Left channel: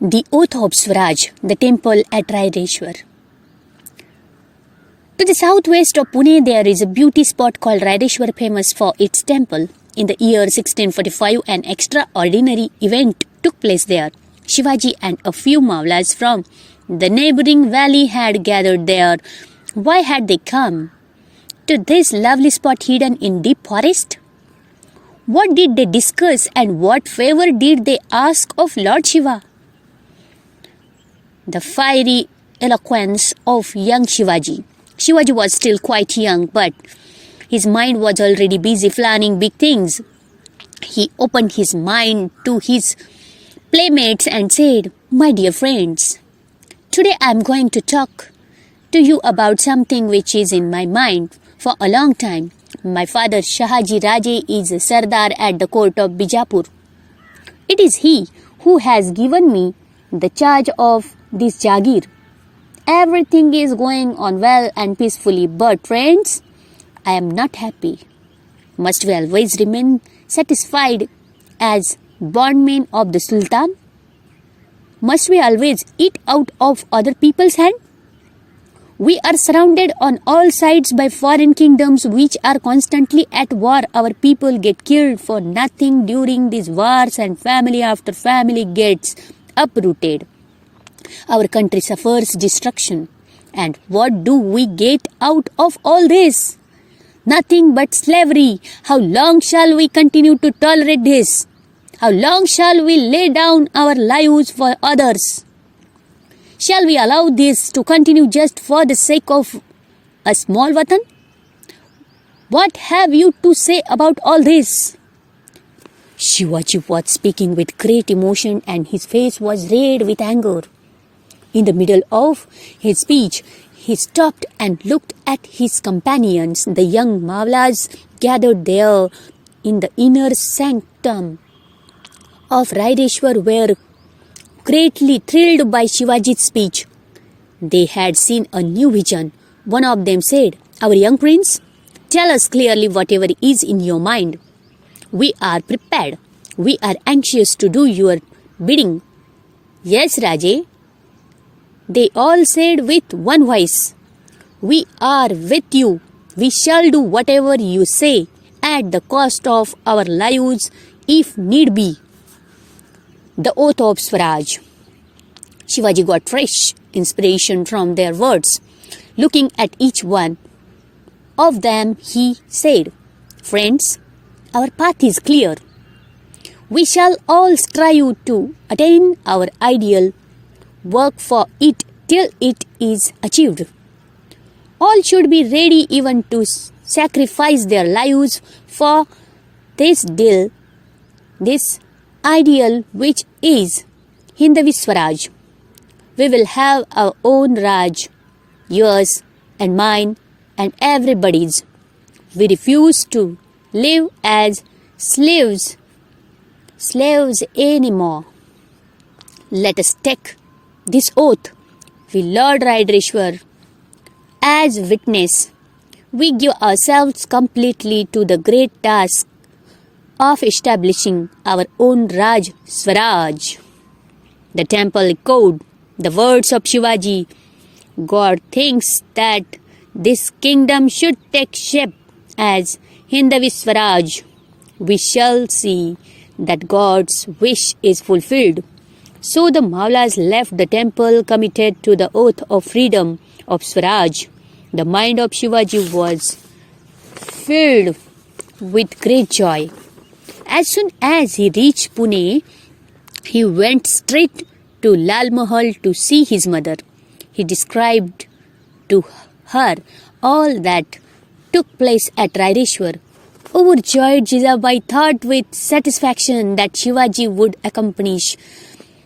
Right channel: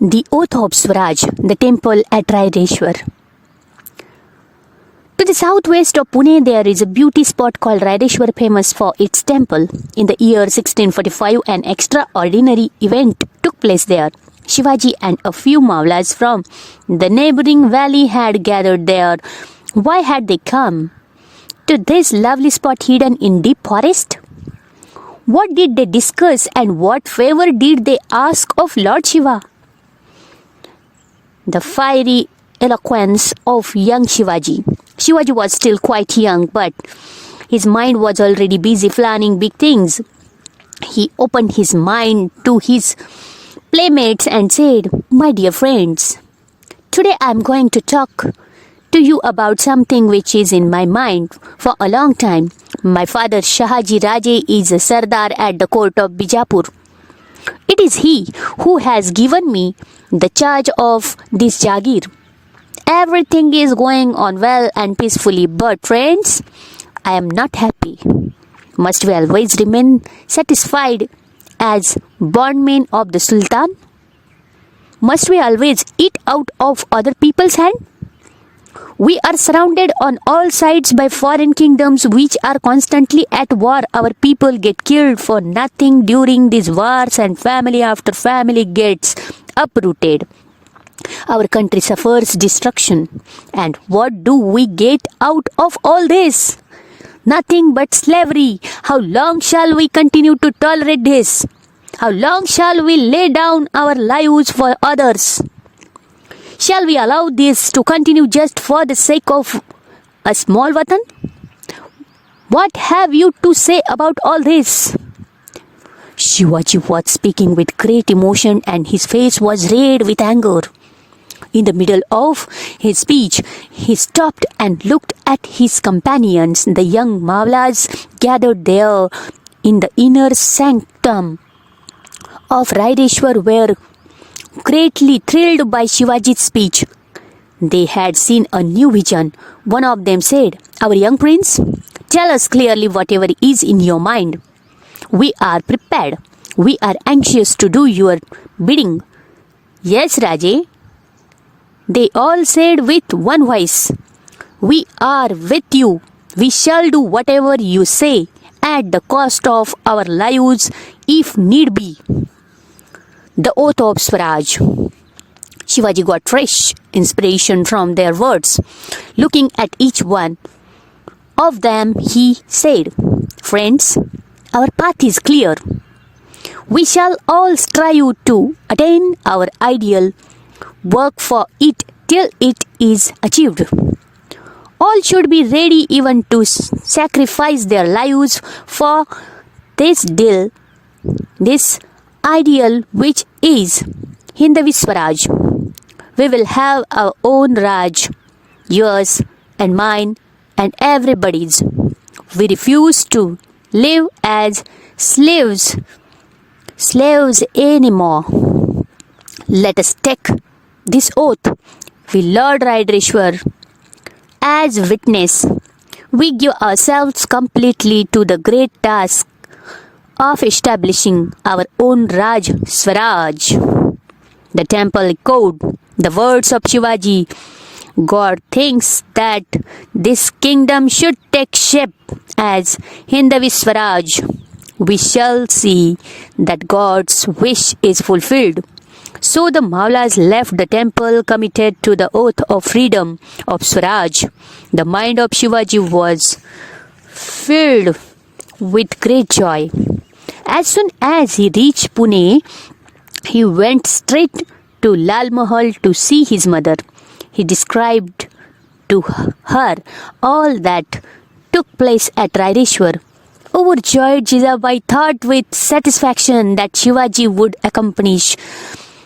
The Oath of Swaraj, the temple at Raireshwar. To the southwest of Pune, there is a beauty spot called Raireshwar, famous for its temple. In the year 1645, an extraordinary event took place there. Shivaji and a few Mawlas from the neighboring valley had gathered there. Why had they come to this lovely spot hidden in deep forest? What did they discuss and what favor did they ask of Lord Shiva? The fiery eloquence of young Shivaji. Shivaji was still quite young, but his mind was already busy planning big things. He opened his mind to his playmates and said, "My dear friends, today I am going to talk to you about something which is in my mind for a long time. My father Shivaji Raje is a Sardar at the court of Bijapur. It is he who has given me the charge of this Jagir. Everything is going on well and peacefully, but friends, I am not happy. Must we always remain satisfied as bondmen of the Sultan? Must we always eat out of other people's hand? We are surrounded on all sides by foreign kingdoms which are constantly at war. Our people get killed for nothing during these wars and family after family gets uprooted. Our country suffers destruction. And what do we get out of all this? Nothing but slavery. How long shall we continue to tolerate this? How long shall we lay down our lives for others? Shall we allow this to continue just for the sake of a small watan? What have you to say about all this?" Shivaji was speaking with great emotion and his face was red with anger. In the middle of his speech, he stopped and looked at his companions. The young Mawlas gathered there in the inner sanctum of Raireshwar were greatly thrilled by Shivaji's speech. They had seen a new vision. One of them said, "Our young prince, tell us clearly whatever is in your mind. We are prepared. We are anxious to do your bidding." "Yes, Raje," they all said with one voice. "We are with you. We shall do whatever you say at the cost of our lives if need be." The Oath of Swaraj. Shivaji got fresh inspiration from their words. Looking at each one of them, he said, "Friends, our path is clear. We shall all strive to attain our ideal, work for it till it is achieved. All should be ready even to sacrifice their lives for this ideal which is Hindavi Swaraj. We will have our own Raj, yours and mine and everybody's. We refuse to live as slaves anymore. Let us take this oath. We Lord Raireshwar as witness. We give ourselves completely to the great task of establishing our own Raj Swaraj." The temple echoed the words of Shivaji. God thinks that this kingdom should take shape as Hindavi Swaraj. We shall see that God's wish is fulfilled. So the Mawlas left the temple committed to the oath of freedom of Swaraj. The mind of Shivaji was filled with great joy. As soon as he reached Pune, he went straight to Lal Mahal to see his mother. He described to her all that took place at Raireshwar. Overjoyed, Jijabai thought with satisfaction that Shivaji would accomplish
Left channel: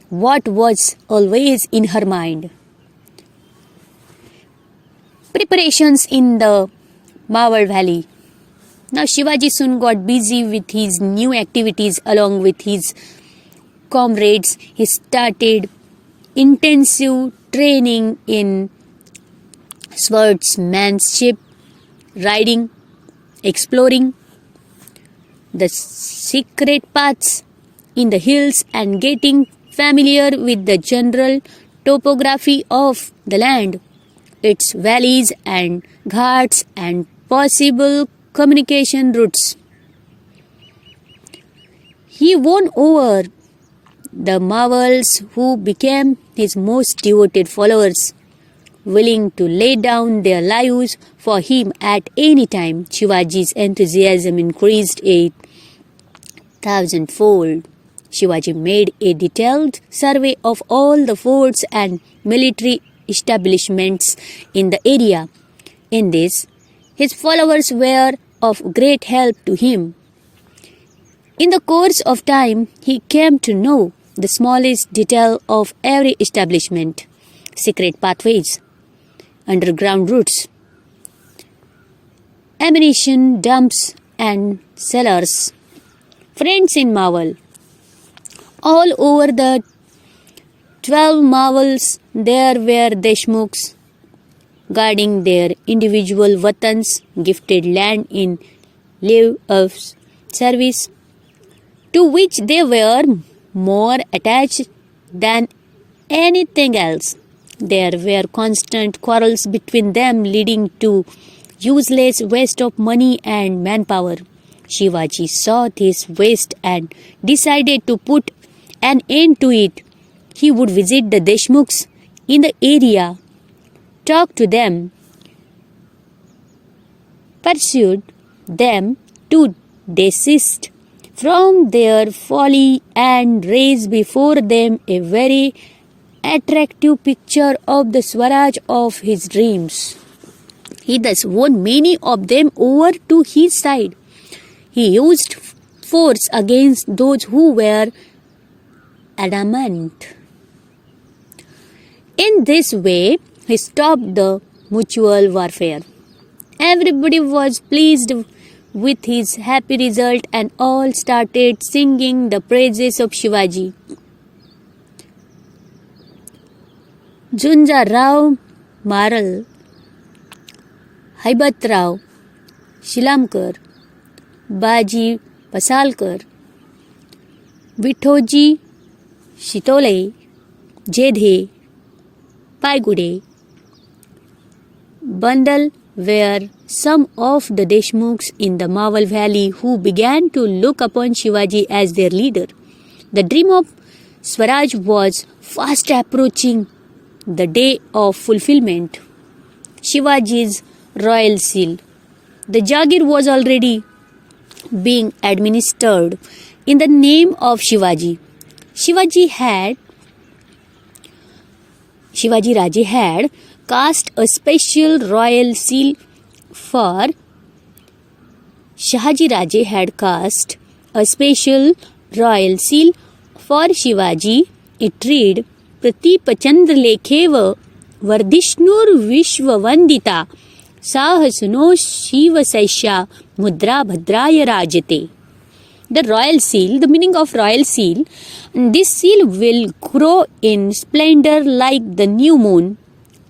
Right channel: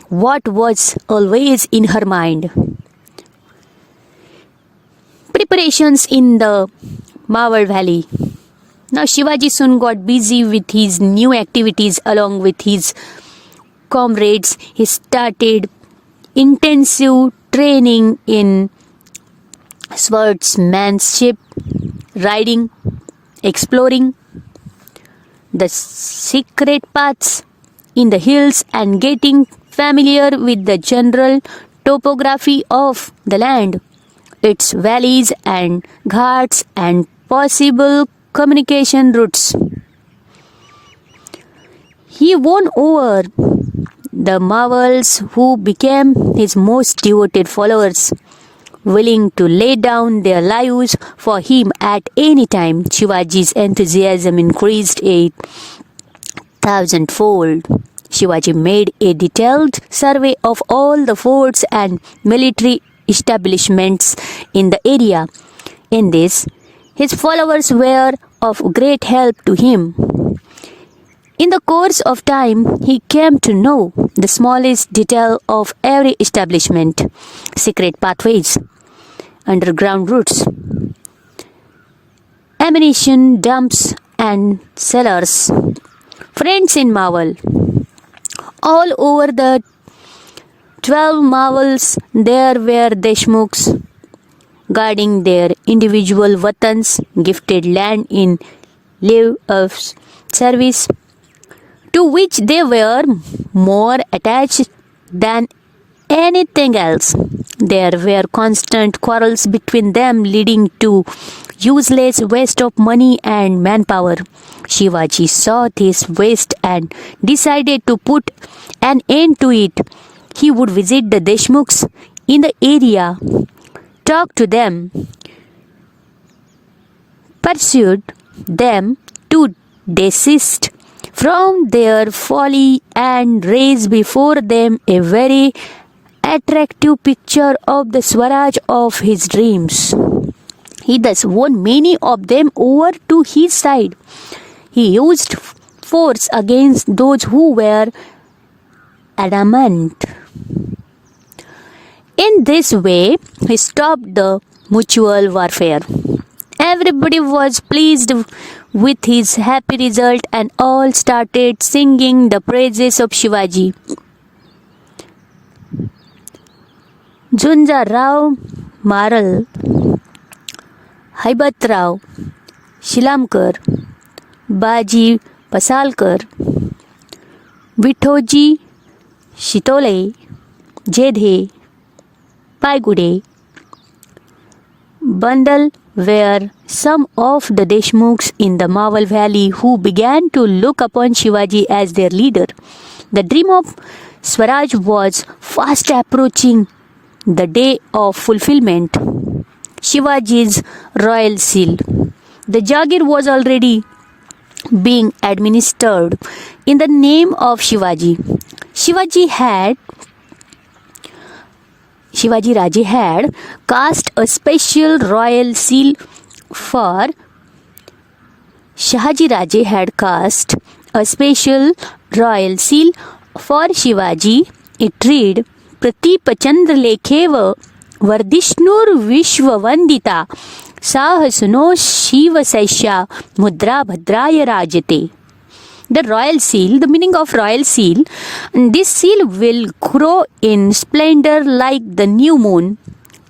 what was always in her mind. Preparations in the Mawar Valley. Now Shivaji soon got busy with his new activities along with his comrades. He started intensive training in swordsmanship, riding, exploring the secret paths in the hills and getting familiar with the general topography of the land, its valleys and ghats and possible communication routes. He won over the Mughals who became his most devoted followers, willing to lay down their lives for him at any time. Shivaji's enthusiasm increased 1,000-fold. Shivaji made a detailed survey of all the forts and military establishments in the area. In this, his followers were of great help to him. In the course of time, he came to know the smallest detail of every establishment, secret pathways, underground routes, ammunition dumps and cellars. Friends in Mughal. All over the 12 Mughals there were Deshmukhs guarding their individual watans, gifted land in lieu of service, to which they were more attached than anything else. There were constant quarrels between them, leading to useless waste of money and manpower. Shivaji saw this waste and decided to put an end to it. He would visit the Deshmukhs in the area, talk to them, persuade them to desist from their folly and raise before them a very attractive picture of the Swaraj of his dreams. He thus won many of them over to his side. He used force against those who were adamant. In this way, he stopped the mutual warfare. Everybody was pleased with his happy result and all started singing the praises of Shivaji. Junjarao Maral, Haibatrao, Shilamkar, Baji Pasalkar, Vithoji Shitole, Jedhe, Paigude, Bandal were some of the Deshmukhs in the Mughal valley who began to look upon Shivaji as their leader. The dream of Swaraj was fast approaching the day of fulfillment. Shivaji's royal seal. The Jagir was already being administered in the name of Shivaji. Shivaji Raje had cast a special royal seal for Shivaji It read, Pratipachandra Lekhev Vardishnur Vishwavandita Sahasuno Shiva Saisha Mudra Bhadraya Rajate. The royal seal, the meaning of royal seal, this seal will grow in splendor like the new moon.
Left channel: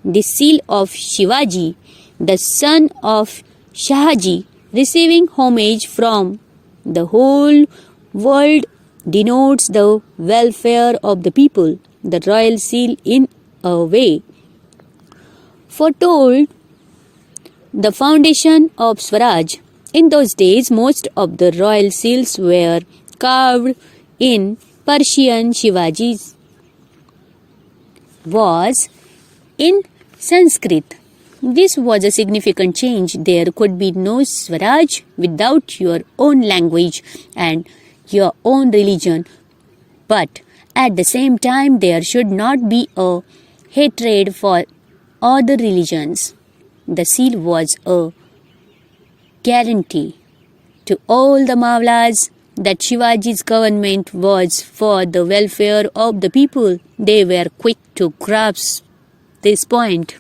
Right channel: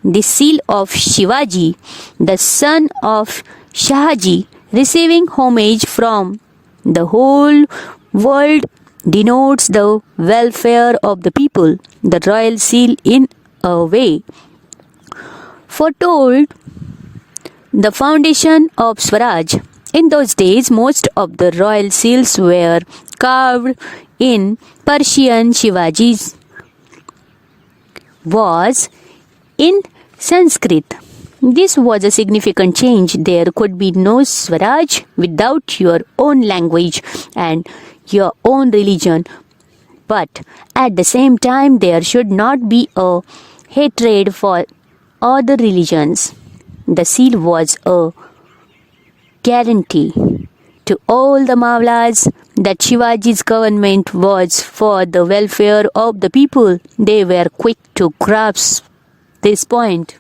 The seal of Shivaji, the son of Shivaji, receiving homage from the whole world, denotes the welfare of the people. The royal seal, in a way, foretold the foundation of Swaraj. In those days, most of the royal seals were carved in Persian. Shivaji's was in Sanskrit. This was a significant change. There could be no Swaraj without your own language and your own religion. But at the same time, there should not be a hatred for other religions. The seal was a guarantee to all the Mawlas that Shivaji's government was for the welfare of the people. They were quick to grasp this point.